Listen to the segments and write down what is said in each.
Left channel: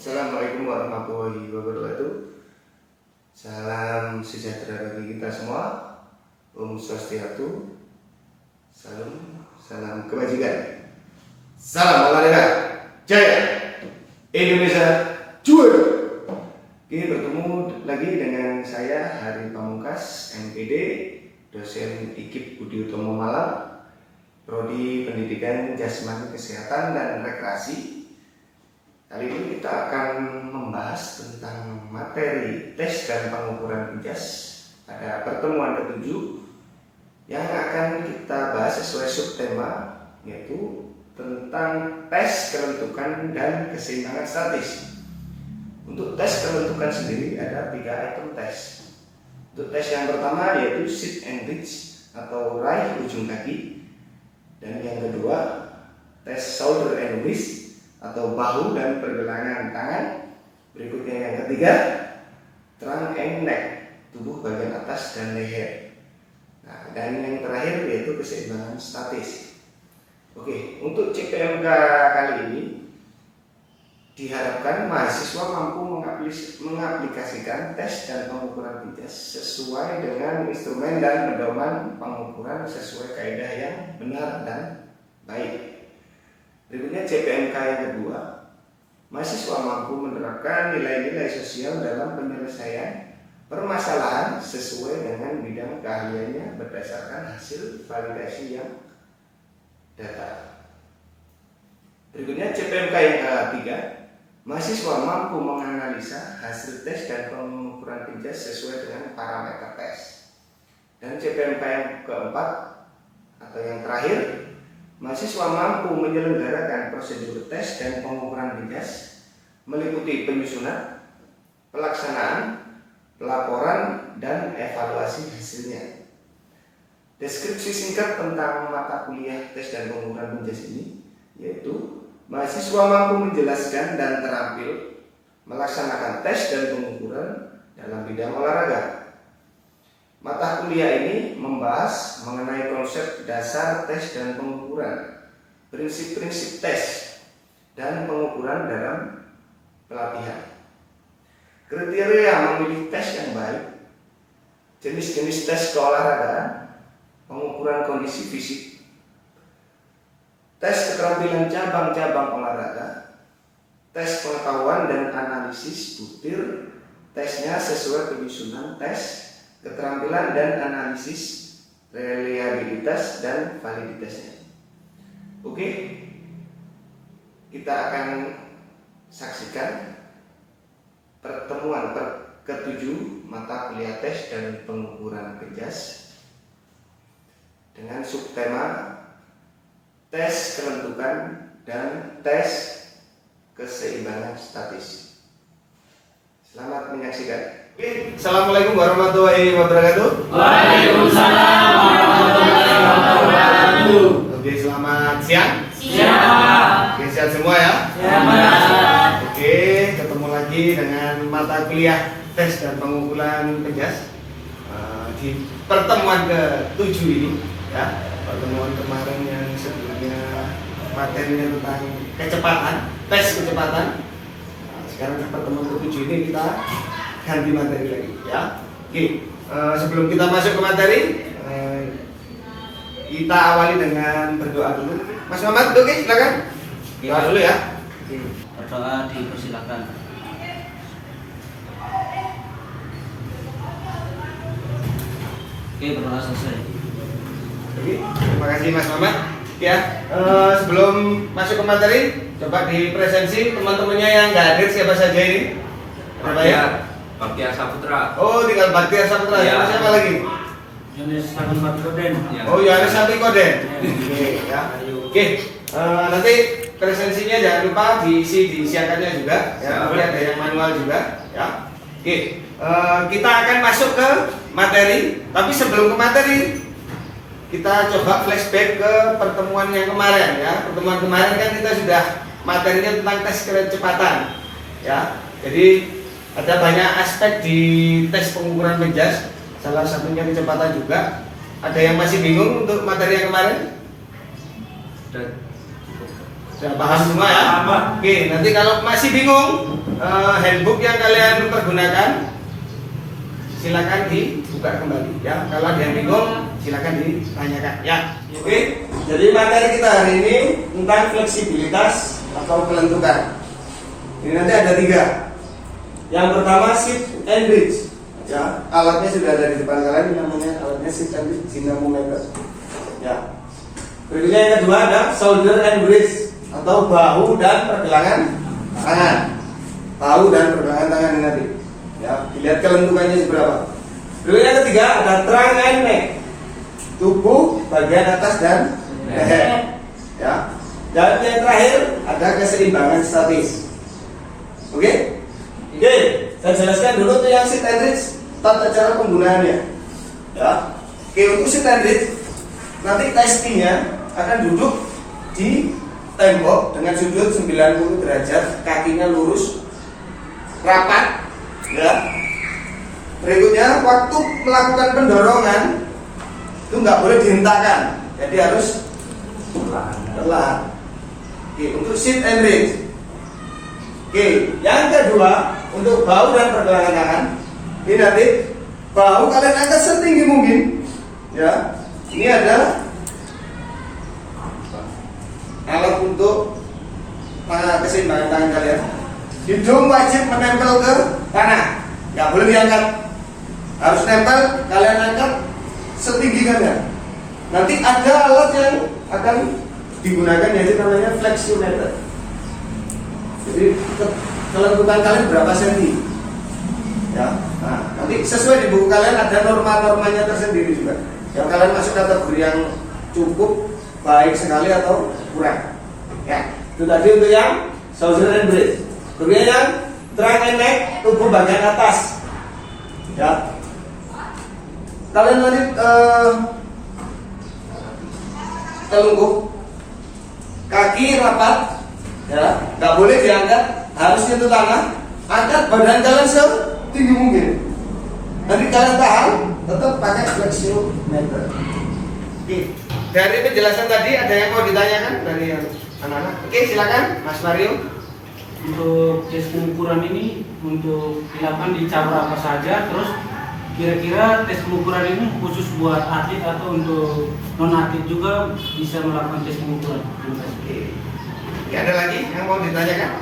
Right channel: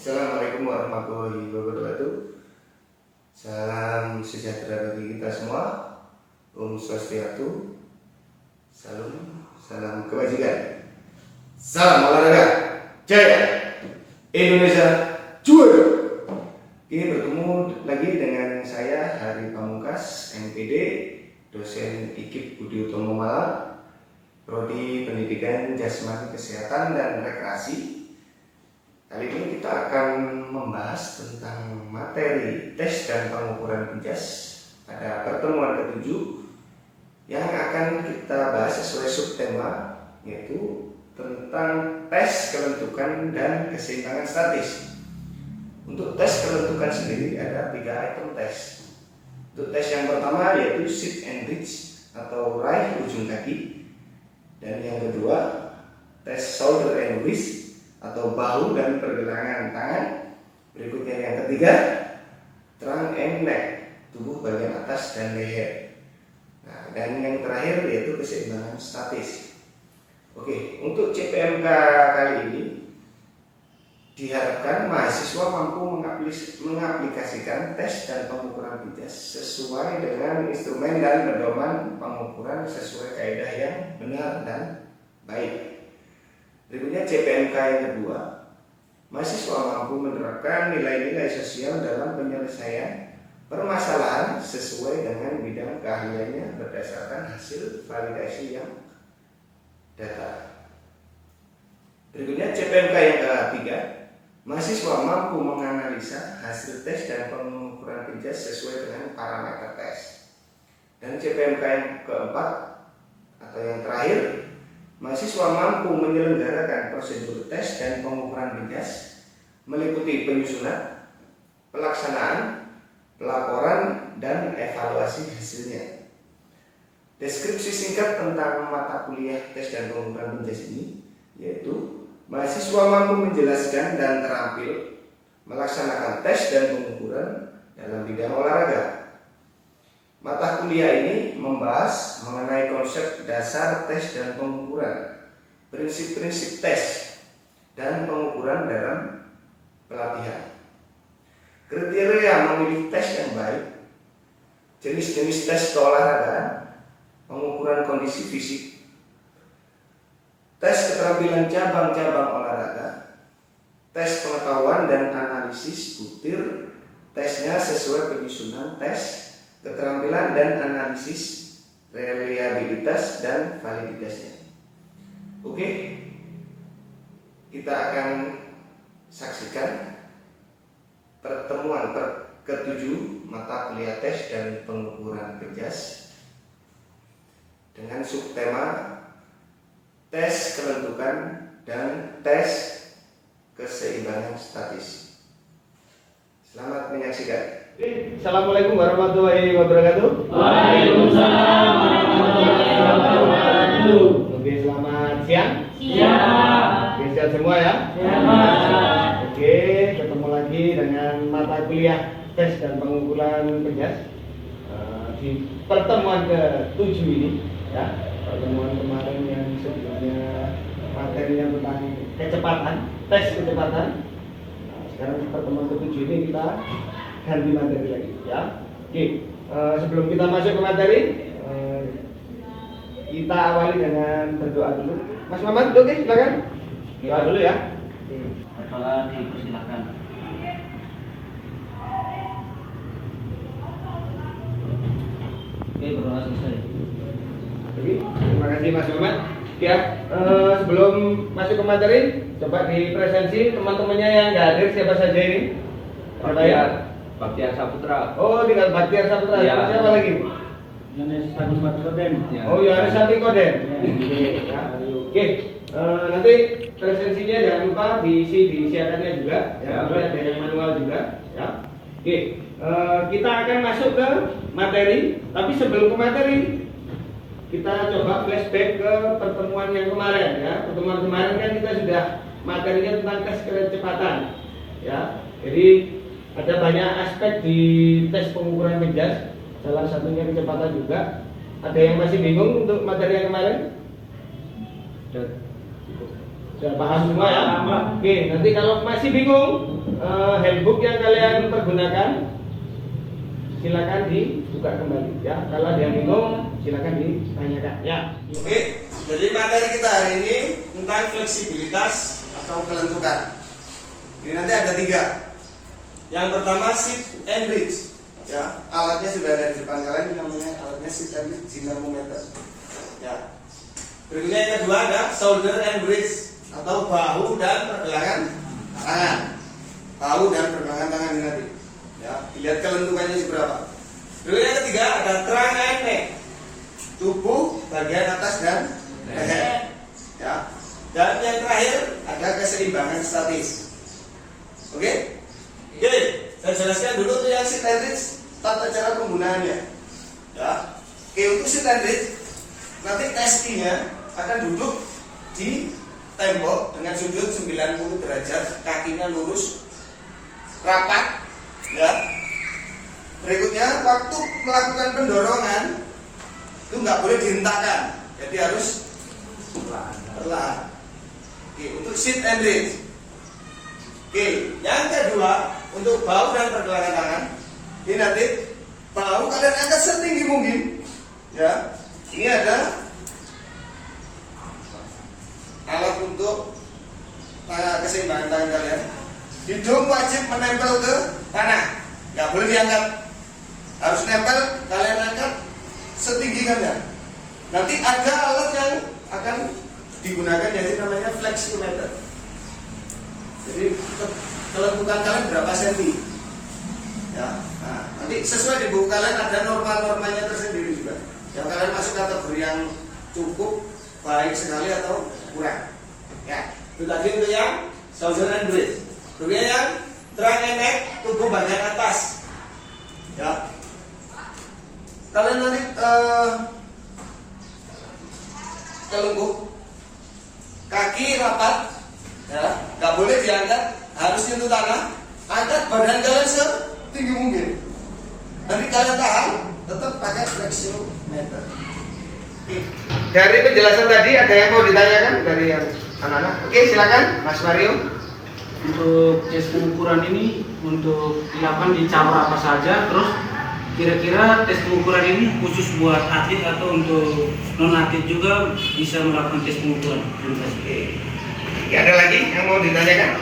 Assalamualaikum warahmatullahi wabarakatuh. Salam sejahtera bagi kita semua. Om Swastiastu. Salam kebajikan. Salam olahraga. Jaya. Indonesia juara. Oke, bertemu lagi dengan saya Hari Pamungkas, MPD, dosen IKIP Budi Utomo Malang, Prodi Pendidikan Jasmani Kesehatan dan Rekreasi. Kali ini kita akan membahas tentang materi tes dan pengukuran PIJAS pada pertemuan ke-7 yang akan kita bahas sesuai subtema, yaitu tentang tes kelentukan dan keseimbangan statis. Untuk tes kelentukan sendiri ada 3 item tes. Untuk tes yang pertama yaitu sit and reach atau raih ujung kaki, dan yang kedua tes shoulder and wrist atau bahu dan pergelangan tangan. Berikutnya yang ketiga, trunk and neck, tubuh bagian atas dan leher. Nah, dan yang terakhir yaitu keseimbangan statis. Oke, untuk CPMK kali ini diharapkan mahasiswa mampu mengaplikasikan tes dan pengukuran PIJAS sesuai dengan instrumen dan pedoman pengukuran sesuai kaidah yang benar dan baik. Berikutnya CPMK yang kedua, mahasiswa mampu menerapkan nilai-nilai sosial dalam penyelesaian permasalahan sesuai dengan bidang keahliannya berdasarkan hasil validasi yang data. Berikutnya CPMK yang ketiga, mahasiswa mampu menganalisa hasil tes dan pengukuran PIJAS sesuai dengan parameter tes. Dan CPMK yang keempat atau yang terakhir, mahasiswa mampu menyelenggarakan prosedur tes dan pengukuran PIJAS meliputi penyusunan, pelaksanaan, pelaporan, dan evaluasi hasilnya. Deskripsi singkat tentang mata kuliah tes dan pengukuran PIJAS ini yaitu mahasiswa mampu menjelaskan dan terampil melaksanakan tes dan pengukuran dalam bidang olahraga. Mata kuliah ini membahas mengenai konsep dasar tes dan pengukuran, prinsip-prinsip tes dan pengukuran dalam pelatihan, kriteria memilih tes yang baik, jenis-jenis tes keolahragaan, pengukuran kondisi fisik, tes keterampilan cabang-cabang olahraga, tes pengetahuan dan analisis butir, tesnya sesuai penyusunan tes, keterampilan dan analisis, reliabilitas dan validitasnya. Oke, kita akan saksikan pertemuan ke-7 mata kuliah tes dan pengukuran PIJAS dengan subtema tes kelentukan dan tes keseimbangan statis. Selamat menyaksikan. Assalamualaikum warahmatullahi wabarakatuh. Waalaikumsalam warahmatullahi wabarakatuh. Oke, selamat siang. Siang. Oke, sehat semua ya. Siang. Oke, ketemu lagi dengan mata kuliah tes dan pengukuran PIJAS di pertemuan ke-7 ini ya. Pertemuan kemarin yang sebelumnya materinya tentang kecepatan, tes kecepatan. Nah, sekarang pertemuan ke-7 ini kita ganti materi lagi ya. Oke, sebelum kita masuk ke materi, kita awali dengan berdoa dulu. Mas Muhammad, oke, silakan. Doa dulu ya. Berdoa dipersilakan. Oke, berdoa selesai. Oke, terima kasih Mas Muhammad. Ya, sebelum masuk ke materi, coba dipresensi teman-temannya yang nggak hadir siapa saja ini. Apa ya? Baktiar Saputra. Oh, tinggal Baktiar Saputra. Ya. Siapa lagi? Yohanes Koden. Oh, Yohanes Koden. Oke, ya. Oke, nanti presensinya jangan lupa disiapkannya juga. Ya, boleh ada yang manual juga. Ya. Oke, kita akan masuk ke materi. Tapi sebelum ke materi, kita coba flashback ke pertemuan yang kemarin. Ya, pertemuan kemarin kan kita sudah materinya tentang tes kecepatan. Ya, jadi ada banyak aspek di tes pengukuran PIJAS, salah satunya kecepatan juga. Ada yang masih bingung untuk materi yang kemarin? Sudah paham semua ya? Oke, nanti kalau masih bingung handbook yang kalian pergunakan silakan dibuka kembali ya. Kalau ada yang bingung silakan ditanyakan ya. Oke, jadi materi kita hari ini tentang fleksibilitas atau kelentukan. Ini nanti ada 3. Yang pertama sit and bridge. Ya, alatnya sudah ada di depan kalian, ini namanya alatnya sit and bridge dinamometer. Ya. Berikutnya yang kedua ada shoulder and bridge atau bahu dan pergelangan tangan. Bahu dan pergelangan tangan ini nanti. Ya, dilihat kelentukannya berapa. Berikutnya yang ketiga ada trunk and neck. Tubuh bagian atas dan leher. Ya. Dan yang terakhir ada keseimbangan statis. Oke? Oke, saya jelaskan dulu tuh yang sit and bridge, tata cara penggunaannya. Ya. Oke, untuk sit and bridge nanti testingnya akan duduk di tembok dengan sudut 90 derajat, kakinya lurus, rapat, ya. Berikutnya waktu melakukan pendorongan itu nggak boleh dihentakkan, jadi harus perlahan. Oke, untuk sit and bridge. Oke, yang kedua untuk bahu dan pergelangan tangan. Ini nanti bahu kalian angkat setinggi mungkin, ya. Ini ada alat untuk keseimbangan tangan kalian. Hidung wajib menempel ke tanah, nggak boleh diangkat, harus nempel. Kalian angkat setinggi kalian. Nanti ada alat yang akan digunakan yaitu namanya fleximeter. Jadi kelentukan kalian berapa senti? Ya, nah, nanti sesuai di buku kalian ada norma-normanya tersendiri juga. Yang kalian masuk kategori yang cukup baik sekali atau kurang. Ya, itu tadi untuk yang shoulder and bridge. Kemudian yang trunk and neck, tubuh bagian atas. Ya, kalian nanti telungkup, kaki rapat, ya, nggak boleh diangkat, harus nyentuh tanah. Angkat badan kalian setinggi mungkin. Nanti kalian tahan, tetap pakai flexiometer. Dari penjelasan tadi ada yang mau ditanyakan dari yang anak-anak? Oke, silakan Mas Mario. Untuk tes pengukuran ini untuk dilakukan di cabur apa saja, terus kira-kira tes pengukuran ini khusus buat atlet atau untuk non atlet juga bisa melakukan tes pengukuran? Oke. Ada lagi yang mau ditanyakan?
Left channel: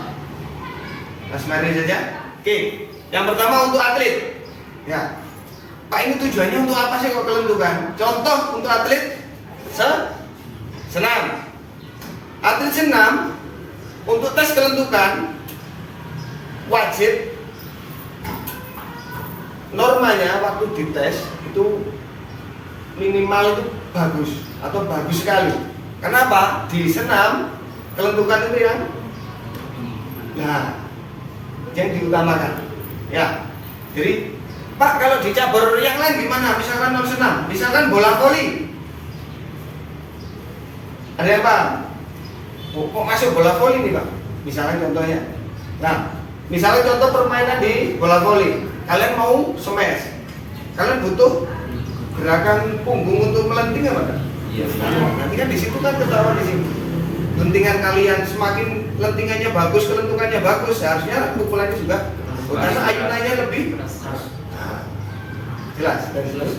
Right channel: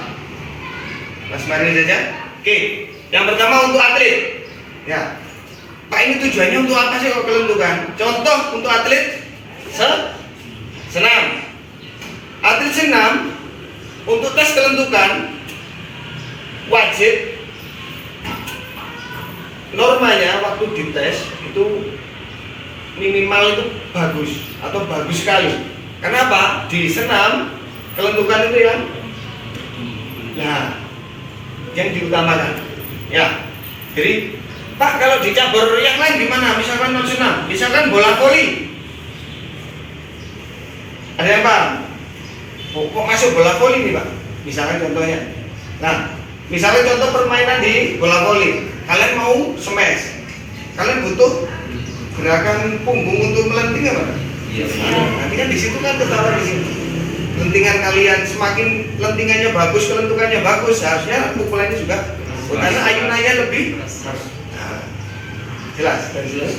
Mas Mario saja. Oke, yang pertama untuk atlet. Ya, Pak, ini tujuannya untuk apa sih kalau kelentukan? Contoh untuk atlet senam. Atlet senam untuk tes kelentukan wajib normanya waktu dites itu minimal itu bagus atau bagus sekali. Kenapa? Di senam kelentukan itu yang diutamakan. Ya, jadi Pak, kalau di cabur yang lain gimana? Misalkan non senam, misalkan bola voli. Ada yang paham? Oh, kok masuk bola voli nih Pak? Misalkan contohnya. Nah, misalnya contoh permainan di bola voli. Kalian mau smash, kalian butuh gerakan punggung untuk melenting apa? Iya. Nanti kan di situ kan ketahuan di sini. Lentingan kalian semakin lentingannya bagus, kelentukannya bagus, harusnya pukulannya juga. Karena ayunannya lebih. Jelas, dari jelas.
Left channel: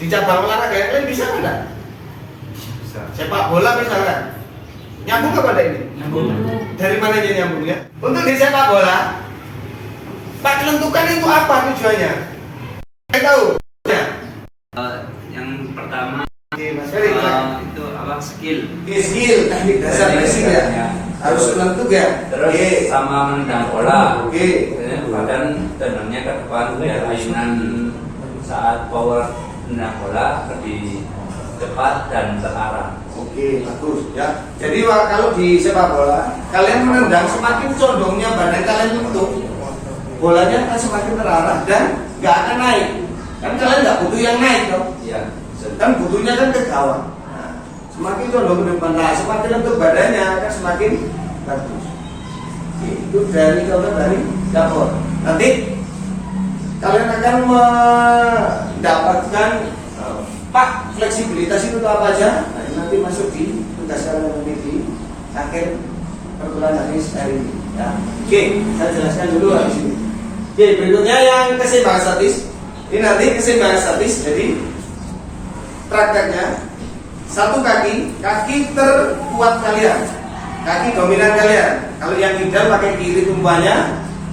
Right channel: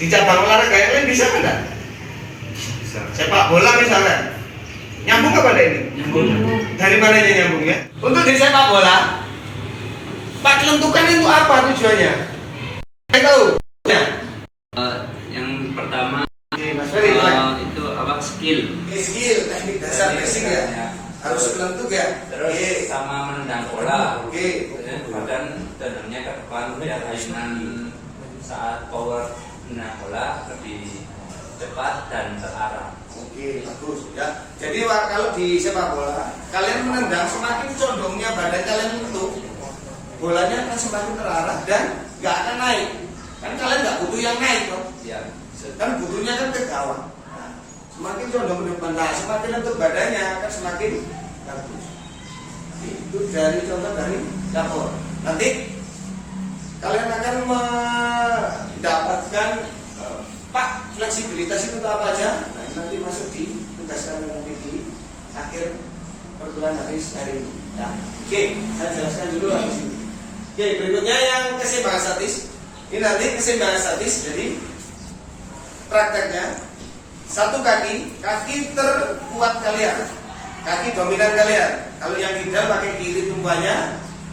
Di cabang olahraga yang lain bisa enggak? Bisa. Sepak bola misalnya, nyambung kepada ini? Nyambung. Dari mana aja nyambungnya? Untuk di sepak bola, Pak, kelentukan itu apa tujuannya? Saya tahu. Ya. Yang pertama Mas Ferry, itu apa skill. skill, teknik dasar basic ya. Harus kelentuk ya. Terus sama menendang bola. Oke. Badan tendangnya ke depan biar ayunan saat power menendang bola lebih cepat dan terarah. Oke, bagus ya. Jadi kalau di sepak bola, kalian menendang semakin condongnya badan kalian itu, bolanya akan semakin terarah dan nggak akan naik. Kan kalian nggak butuh yang naik dong. Iya. Kan butuhnya kan ke bawah. Nah, semakin condong ke depan, nah, semakin lentur badannya akan semakin bagus. Itu dari contoh dari dapur. Nanti kalian akan mendapatkan Pak, fleksibilitas itu apa aja? Nah, ini nanti masuk di tugas kalian di akhir perkuliahan hari ini. Ya. Oke, saya jelaskan dulu habis ini. Oke, berikutnya yang keseimbangan statis. Ini nanti keseimbangan statis. Jadi prakteknya satu kaki terkuat kalian, kaki dominan kalian. Kalau yang kidal pakai kiri tumpuannya,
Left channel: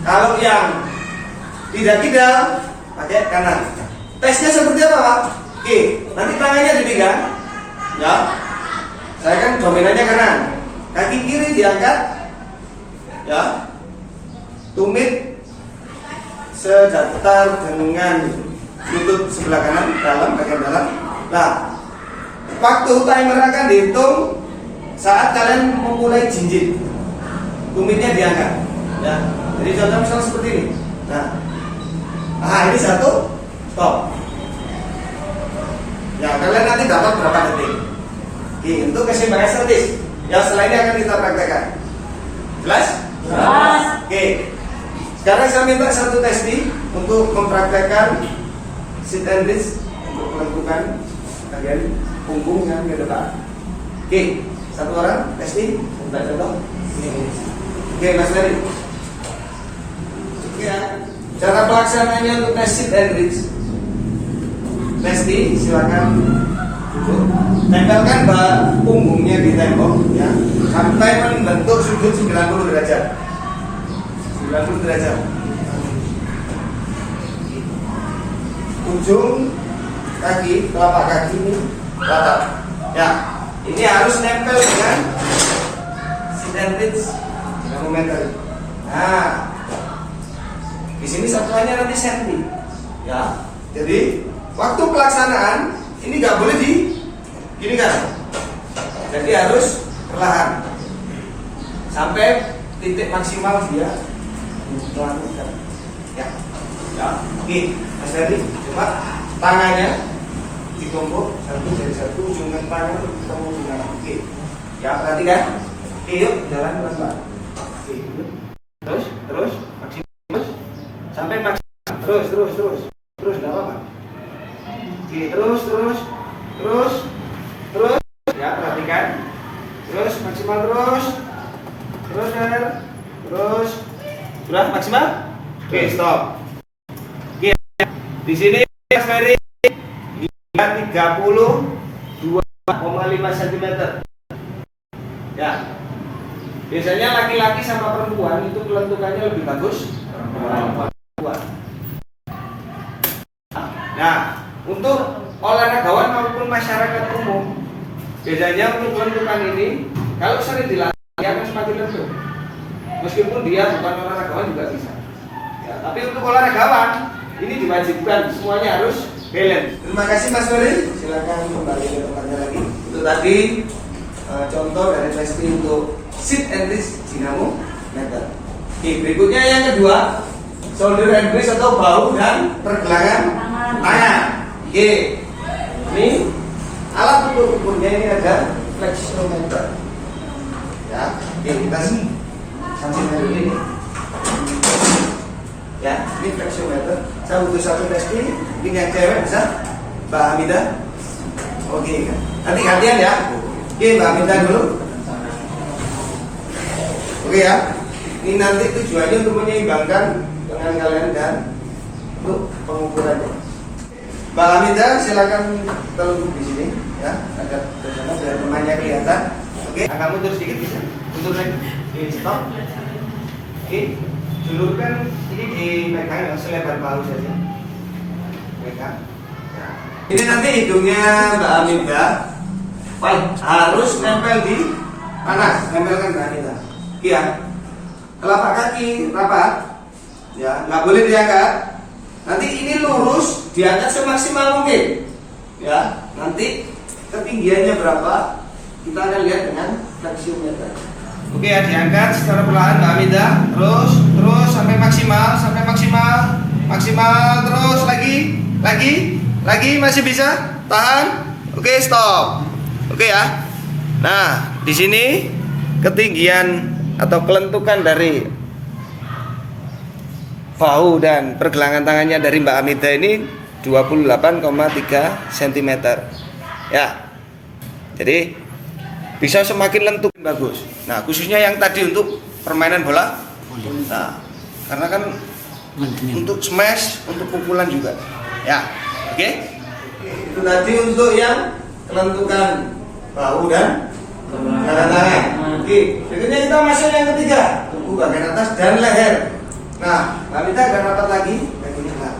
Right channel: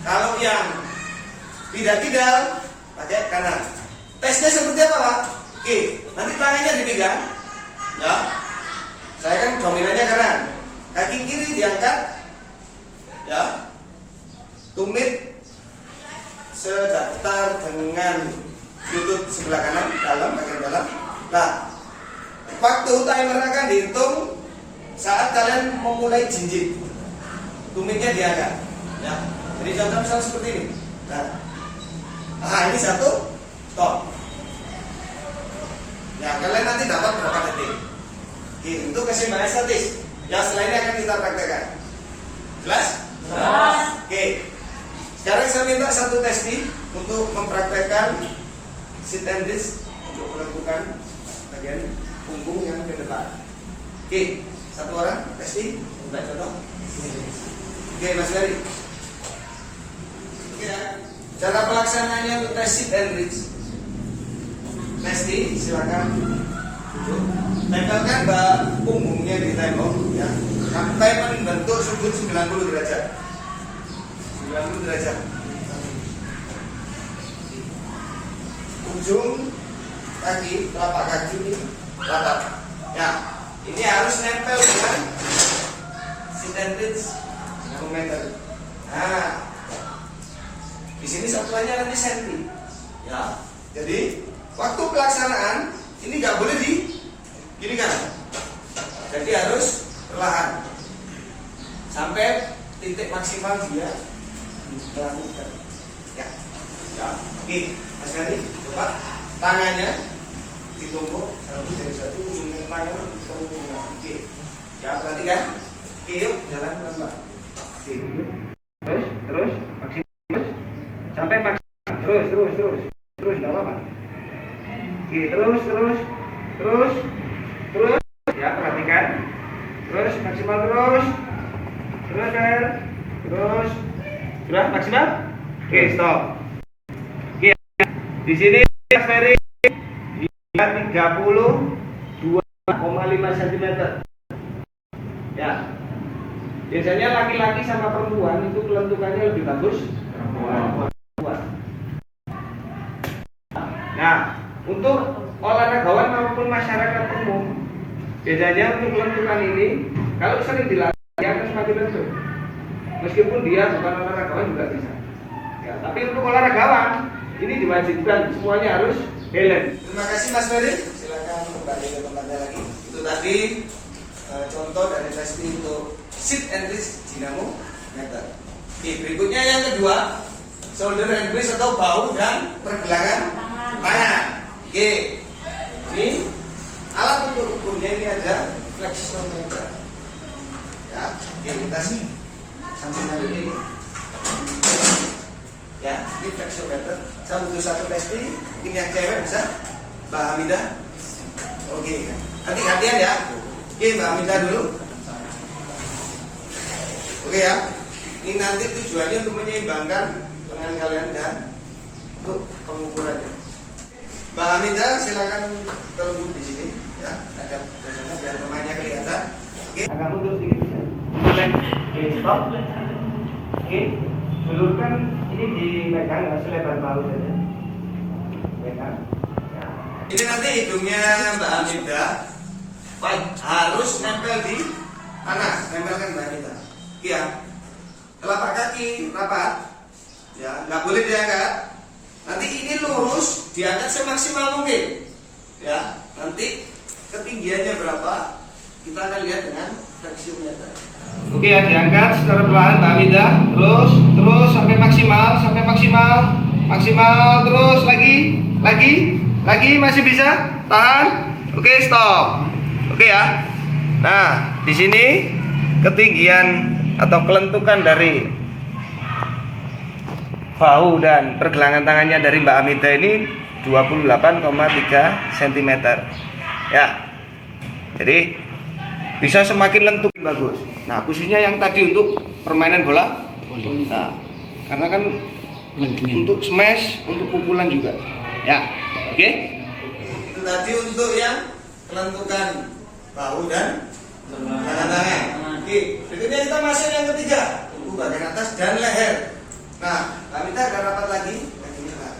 kalau yang tidak kidal pakai kanan. Tesnya seperti apa, Pak? Oke, nanti tangannya dipegang. Ya, saya kan dominannya kanan, kaki kiri diangkat. Ya, tumit sedatar dengan lutut sebelah kanan, bagian dalam. Nah, waktu timer akan dihitung saat kalian memulai jinjit. Tumitnya diangkat. Ya, jadi contoh misalnya seperti ini. Nah, ini satu, stop. Ya, kalian nanti dapat berapa detik. Untuk keseimbangan statis. Ya, setelah ini akan kita praktekkan. Jelas? Jelas. Oke. Sekarang saya minta satu testi untuk mempraktekkan sit and reach untuk menentukan bagian punggung yang ke depan. Oke, satu orang testi, minta contoh. Oke, Mas Ferry. Ya, cara pelaksanaannya untuk tes sit and reach. Testi, silakan duduk. Tempelkan punggungnya di tembok, ya, sampai membentuk sudut 90 derajat. 90 derajat. Ujung kaki, telapak kaki ini ratap. Ya, ini harus nempel dengan sit and reach dinamometer. Nah, di sini satuannya nanti senti. Ya, jadi waktu pelaksanaan ini nggak boleh gini kan. Jadi harus perlahan sampai titik maksimal dia melakukan. Ya, ya. Oke, Mas Ferry, coba tangannya ditumpuk satu dari satu, ujung tangan ketemu dengan. Oke, ya perhatikan. Oke, yuk jalan pelan-pelan. Oke, yuk. Terus maksimal sampai maksimal. Terus, nggak apa-apa. Oke, terus. Ya, perhatikan. Terus maksimal terus. Terus. Sudah maksimal? Oke, stop. Oke. Di sini Mas Ferry 32,5 cm. Ya. Biasanya laki-laki sama perempuan itu kelentukannya lebih bagus perempuan. Nah, untuk olahragawan maupun masyarakat umum, biasanya untuk kelentukan ini kalau sering dilatih akan semakin lentur. Meskipun dia bukan olahragawan juga bisa. Ya, tapi untuk olahragawan ini diwajibkan semuanya harus balance. Terima kasih Mas Ferry. Silakan kembali ke tempatnya lagi. Itu tadi contoh dari testi untuk sit and reach dinamometer. Oke, berikutnya yang kedua, shoulder and brace atau bahu dan pergelangan tangan. Oke, ini alat untuk ukurnya ini ada flexometer. Ya, oke, kita sambil dulu ini. Ya, ini flexometer. Saya butuh satu testi. Ini yang cewek bisa, Mbak Hamidah. Oke, nanti gantian ya. Oke, Mbak Hamidah dulu. Oke ya. Ini nanti tujuannya untuk menyeimbangkan dengan kalian dan untuk pengukurannya. Mbak Hamidah, silakan terlebih di sini, ya. Agak ke sana biar pemainnya kelihatan. Oke, agak mundur sedikit bisa. Mundur lagi. Oke, stop. Oke. Julurkan ini dipegang selebar bahu saja. Pegang. Ya. Ini nanti hidungnya Mbak Hamidah harus nempel di panas, nempelkan Mbak Hamidah. Iya. Telapak kaki rapat. Ya, nggak boleh diangkat. Nanti ini lurus, diangkat semaksimal mungkin. Ya, nanti ketinggiannya berapa? Kita akan lihat dengan flexiometer. Oke ya, diangkat secara perlahan Mbak Hamidah. Terus sampai maksimal terus lagi masih bisa tahan. Oke, stop. Oke ya. Nah, di sini ketinggian atau kelentukan dari bahu dan pergelangan tangannya dari Mbak Hamidah ini 28,3 cm. Ya. Jadi bisa semakin lentur bagus. Nah, khususnya yang tadi untuk permainan bola. Nah, karena kan untuk smash, untuk pukulan juga. Ya, oke. Itu tadi untuk yang kelentukan bahu dan tangan. Oke, berikutnya kita masuk yang ketiga, tubuh bagian atas dan leher. Nah, kita akan rapat lagi kakinya. Nah,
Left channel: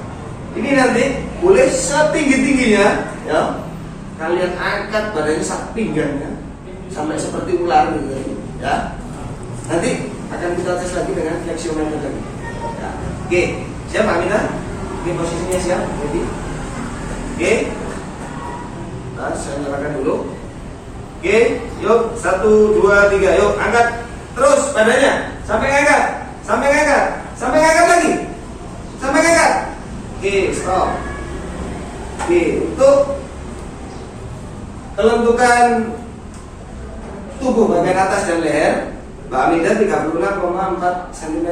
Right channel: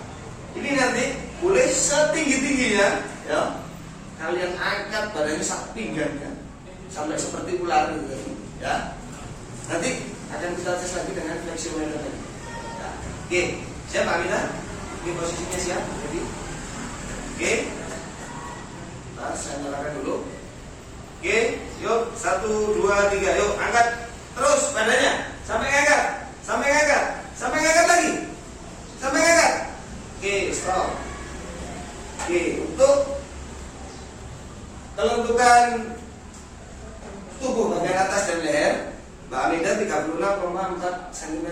ini nanti boleh setinggi-tingginya, ya. Kalian angkat badannya sak pinggannya sampai seperti ular gitu, ya. Nanti akan kita tes lagi dengan flexiometer lagi. Ya. Oke, siap Pak Amina? Oke, posisinya siap, jadi. Oke. Nah, saya nyalakan dulu. Oke, yuk 1, 2, 3, yuk angkat terus badannya sampai ngangkat, sampai ngangkat, sampai ngangkat lagi, sampai ngangkat. Oke, stop. Oke, untuk kelentukan tubuh bagian atas dan leher, Mbak Aminda 36,4 cm.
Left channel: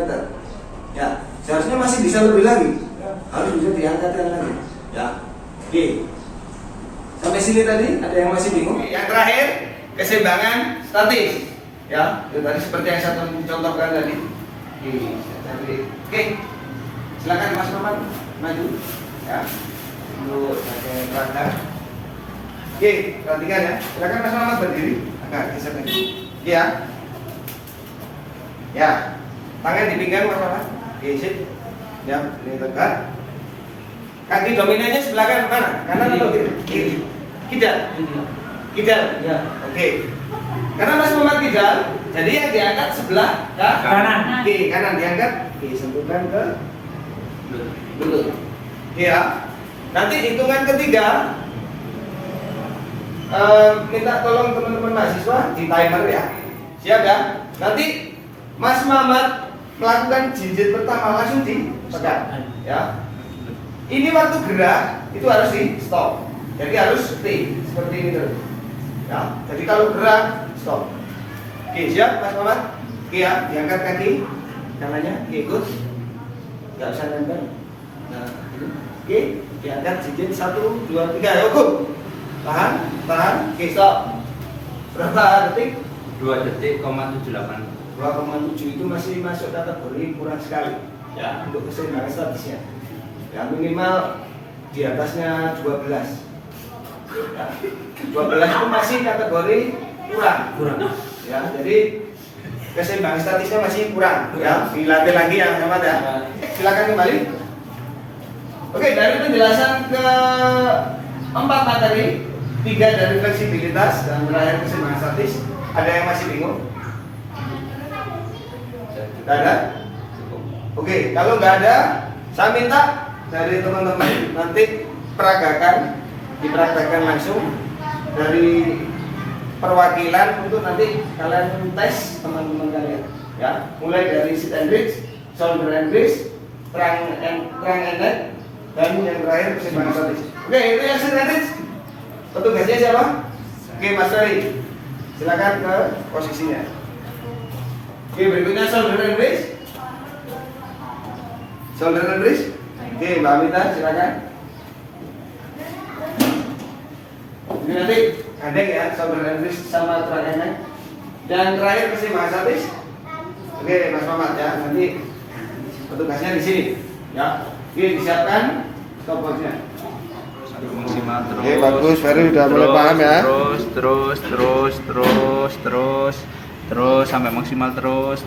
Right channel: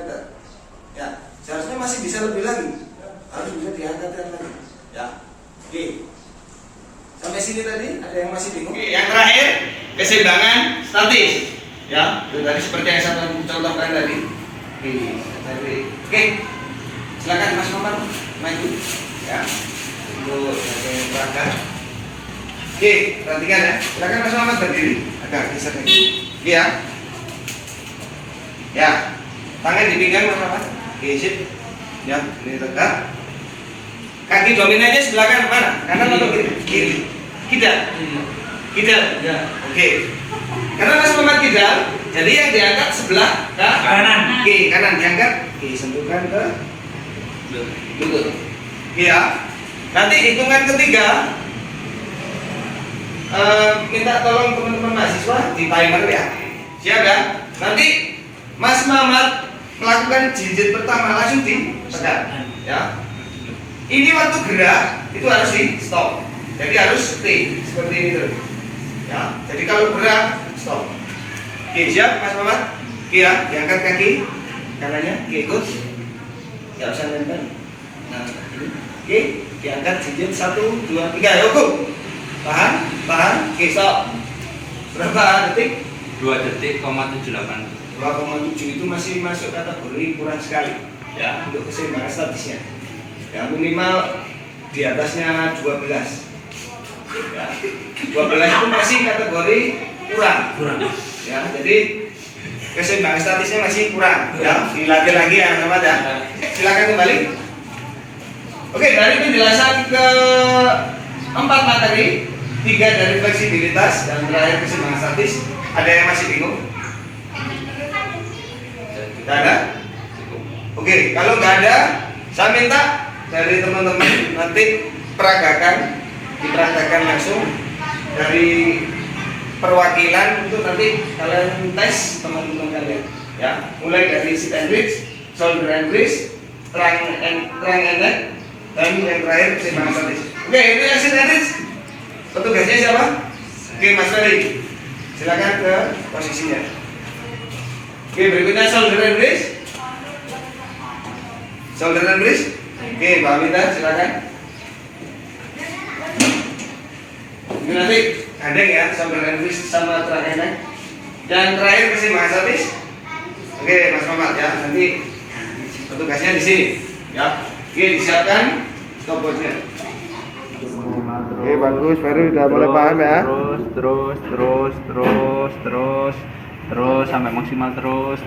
Ya, seharusnya masih bisa lebih lagi, harus bisa diangkatkan lagi. Ya, oke. Sampai sini tadi ada yang masih bingung? Yang terakhir keseimbangan statis. Ya, dari seperti yang saya contohkan tadi. Oke, silakan Mas Maman maju. Ya, untuk bagian belakang. Oke, perhatikan ya. Silakan Mas Maman berdiri. Agak geser nih. Oke ya. Ya, tangan di pinggang Mas Maman. Oke, sip. Ya, ini tegak. Kaki dominannya sebelah kanan mana? Kanan atau kiri? Kiri. Kidal. Kidal. Ya. Oke. Karena Mas Muhammad kidal, jadi yang diangkat sebelah kanan. Oke, kanan diangkat. Oke, sentuhkan ke lutut. Oke ya. Nanti hitungan ketiga, minta tolong teman-teman mahasiswa di timer ya. Siap ya? Nanti Mas Muhammad melakukan jinjit pertama langsung dipegang. Ya. Ini waktu gerak itu harus di stop. Jadi harus stay seperti ini terus. Ya. Jadi kalau gerak stop. Oke, siap Mas Muhammad? Oke ya, diangkat kaki kanannya. Oke, ikut. Enggak usah nempel. Nah, ini. Oke, diangkat jinjit 1, 2, 3. Yuk, go. Tahan, tahan. Oke, stop. Berapa detik? 2 detik,78. 2,7 itu masih masuk kategori kurang sekali. Ya, untuk keseimbangan statisnya. Ya, minimal di atasnya 12. Ya, 12 itu masih kategori kurang. Ya, jadi keseimbangan statisnya masih kurang. Ya, dilatih lagi ya, Mas ya. Silakan kembali. Oke, dari penjelasan ke 4 materi, 3 dari fleksibilitas dan terakhir keseimbangan statis, ada yang masih bingung? Tidak ada? Oke, kalau nggak ada, saya minta dari teman-teman nanti dipraktekkan langsung dari perwakilan untuk nanti kalian tes teman-teman kalian ya, mulai dari sit and reach, shoulder and wrist, trunk and neck, dan yang terakhir keseimbangan statis. Oke, itu yang sit and reach. Petugasnya siapa? Oke, Mas Ferry, silakan ke posisinya. Oke, berikutnya shoulder and wrist. Shoulder and wrist. Oke, Mbak Amita, silakan. Ini nanti ada ya, shoulder and wrist sama trunk and neck. Dan terakhir keseimbangan statis. Oke, Mas Mamat ya, nanti petugasnya di sini. Ya, oke, disiapkan stopwatchnya. Oke, bagus, Ferry udah mulai paham ya. Terus sampai maksimal terus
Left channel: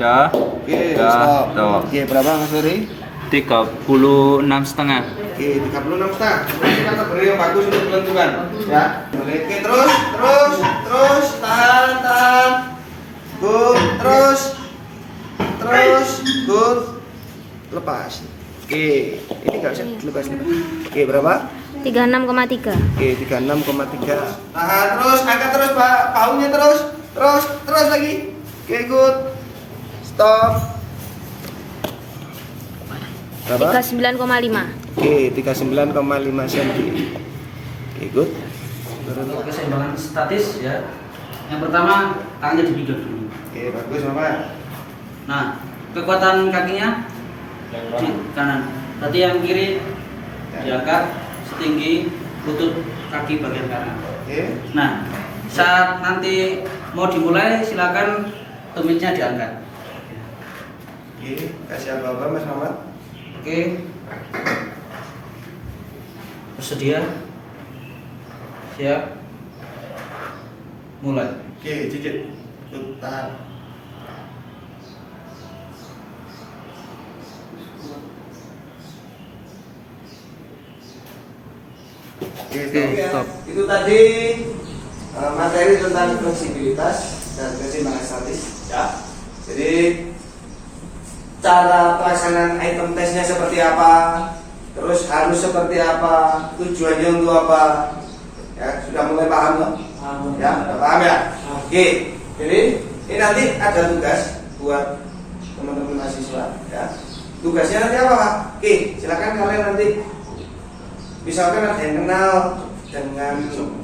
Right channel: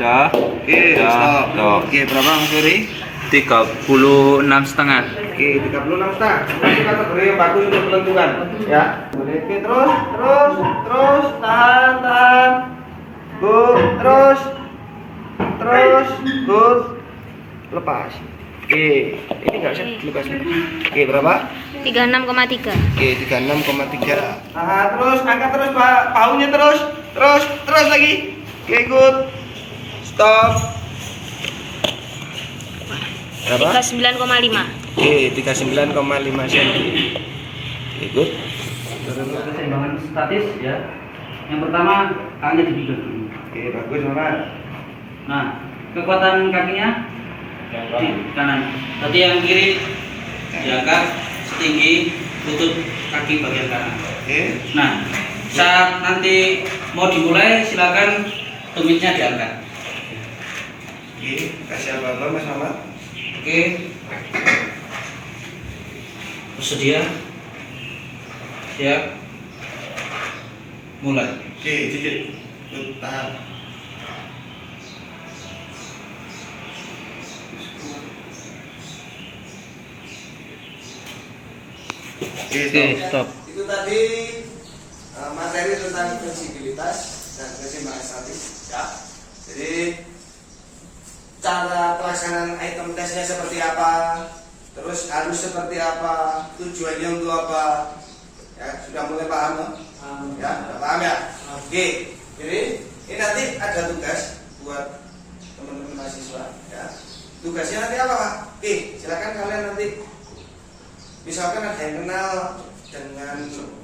dah. Oke, stop. Oke, berapa Mas Ferry? 36,5. Oke, 36,5. Ini kategori yang bagus untuk kelenturan. Ya. Oke, terus, tahan. Good, terus, good. Lepas. Oke, ini nggak usah dilepas. Oke, berapa? 36,3. Oke, 36,3. Tahan terus, angkat terus Pak, paunya terus lagi. Oke, good. Stop. Berapa? 39,5. Oke, 39,5 cm. Oke, good. Untuk keseimbangan statis ya. Yang pertama tangannya dipijat dulu. Oke, bagus Mama. Nah, kekuatan kakinya di kanan. Tadi yang kiri diangkat setinggi lutut kaki bagian kanan. Oke. Nah, Saat nanti mau dimulai silakan tumitnya diangkat. Oke, kasih apa-apa Mas Mamat. Oke. Bersedia? Siap. Mulai. Oke, Cicit. Tahan. Oke, Stop. Itu tadi materi tentang fleksibilitas dan keseimbangan statis, ya. Jadi cara pelaksanaan item tesnya seperti apa, terus harus seperti apa, tujuannya untuk apa, ya sudah mulai paham loh? Ya, sudah paham ya. Oke, jadi ini nanti ada tugas buat teman-teman mahasiswa, ya. Tugasnya nanti apa Pak? Oke, silakan kalian nanti. Misalkan ada yang kenal dengan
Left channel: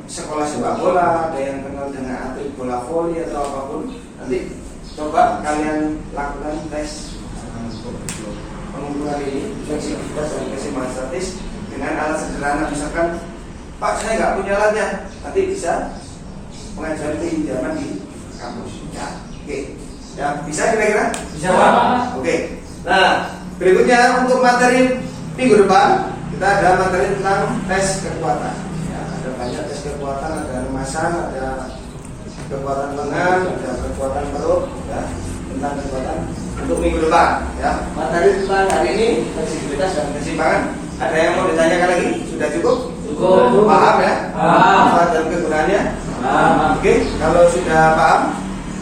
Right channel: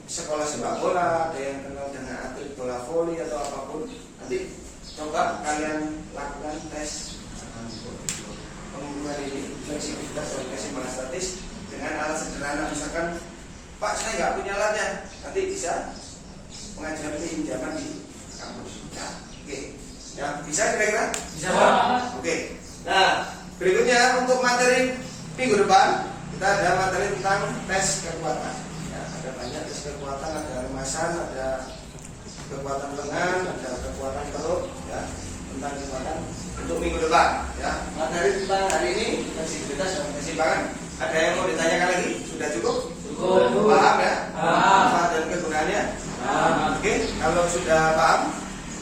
sekolah sepak bola, ada yang kenal dengan atlet bola voli atau apapun, nanti coba kalian lakukan tes pengukuran ini fleksibilitas dan keseimbangan statis dengan alat sederhana. Misalkan Pak saya nggak punya alatnya, nanti bisa mengajukan pinjaman di kampus. Ya, oke. Ya, bisa kira-kira? Bisa. Oke. Nah, berikutnya untuk materi minggu depan kita ada materi tentang tes kekuatan. Ya, ada banyak tes kekuatan, ada remasan, ada kekuatan lengan, ada kekuatan perut, ya, tentang kekuatan untuk minggu depan. Ya, materi tentang hari ini fleksibilitas dan keseimbangan. Ada yang mau ditanyakan lagi? Sudah cukup? Cukup. Paham ya? Paham. Manfaat dan kegunaannya? Paham. Oke, kalau sudah paham,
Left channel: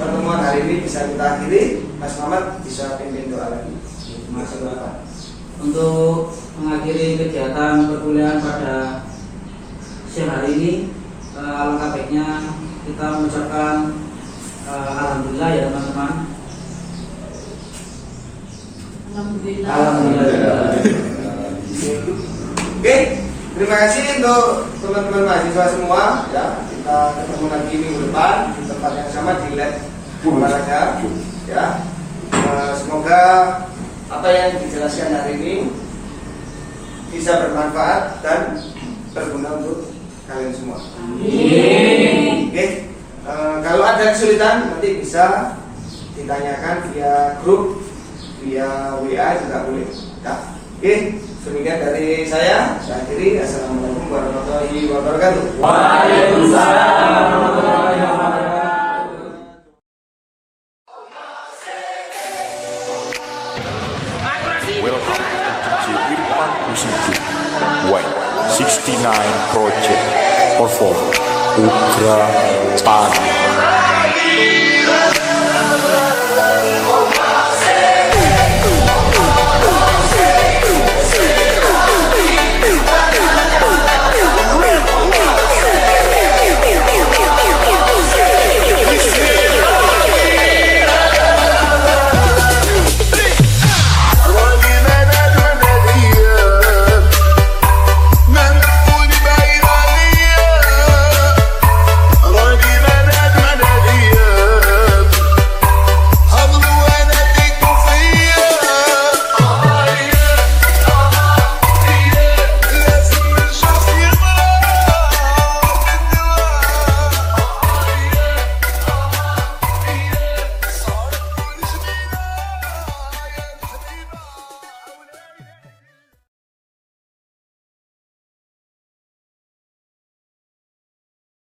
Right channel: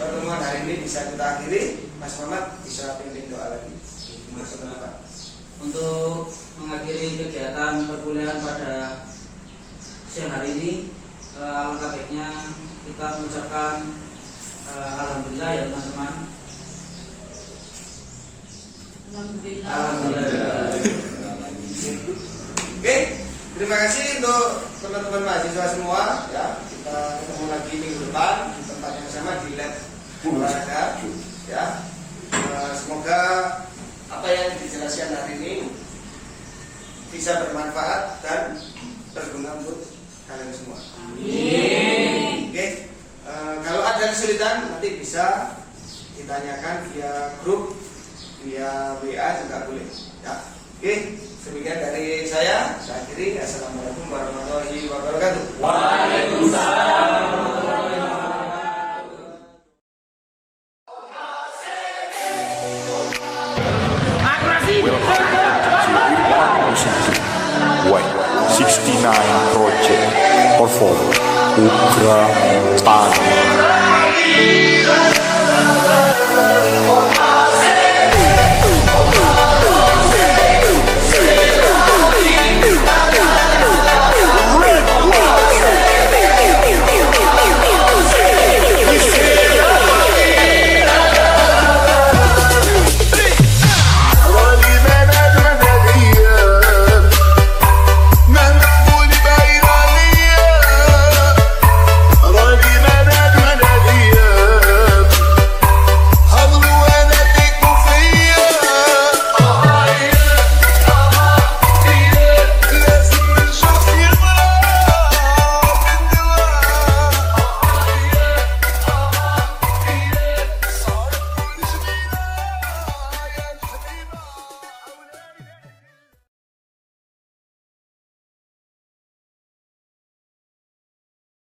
pertemuan hari ini bisa kita akhiri. Mas Mamat bisa pimpin doa lagi. Masuk depan. Untuk mengakhiri kegiatan perkuliahan pada siang hari ini, alangkah baiknya kita mengucapkan alhamdulillah ya teman-teman. Alhamdulillah. Oke, terima kasih untuk teman-teman mahasiswa semua. Ya, kita ketemu lagi minggu depan di tempat yang sama di lab olahraga. Ya, semoga apa yang dijelaskan hari ini bisa bermanfaat dan berguna untuk kalian semua. Oke, kalau ada kesulitan nanti bisa ditanyakan via grup, via WA juga boleh. Ya, oke. Demikian dari saya akhiri. Assalamualaikum warahmatullahi wabarakatuh. Waalaikumsalam. Welcome to Irfan Music White 69 Project perform Ugra Tani.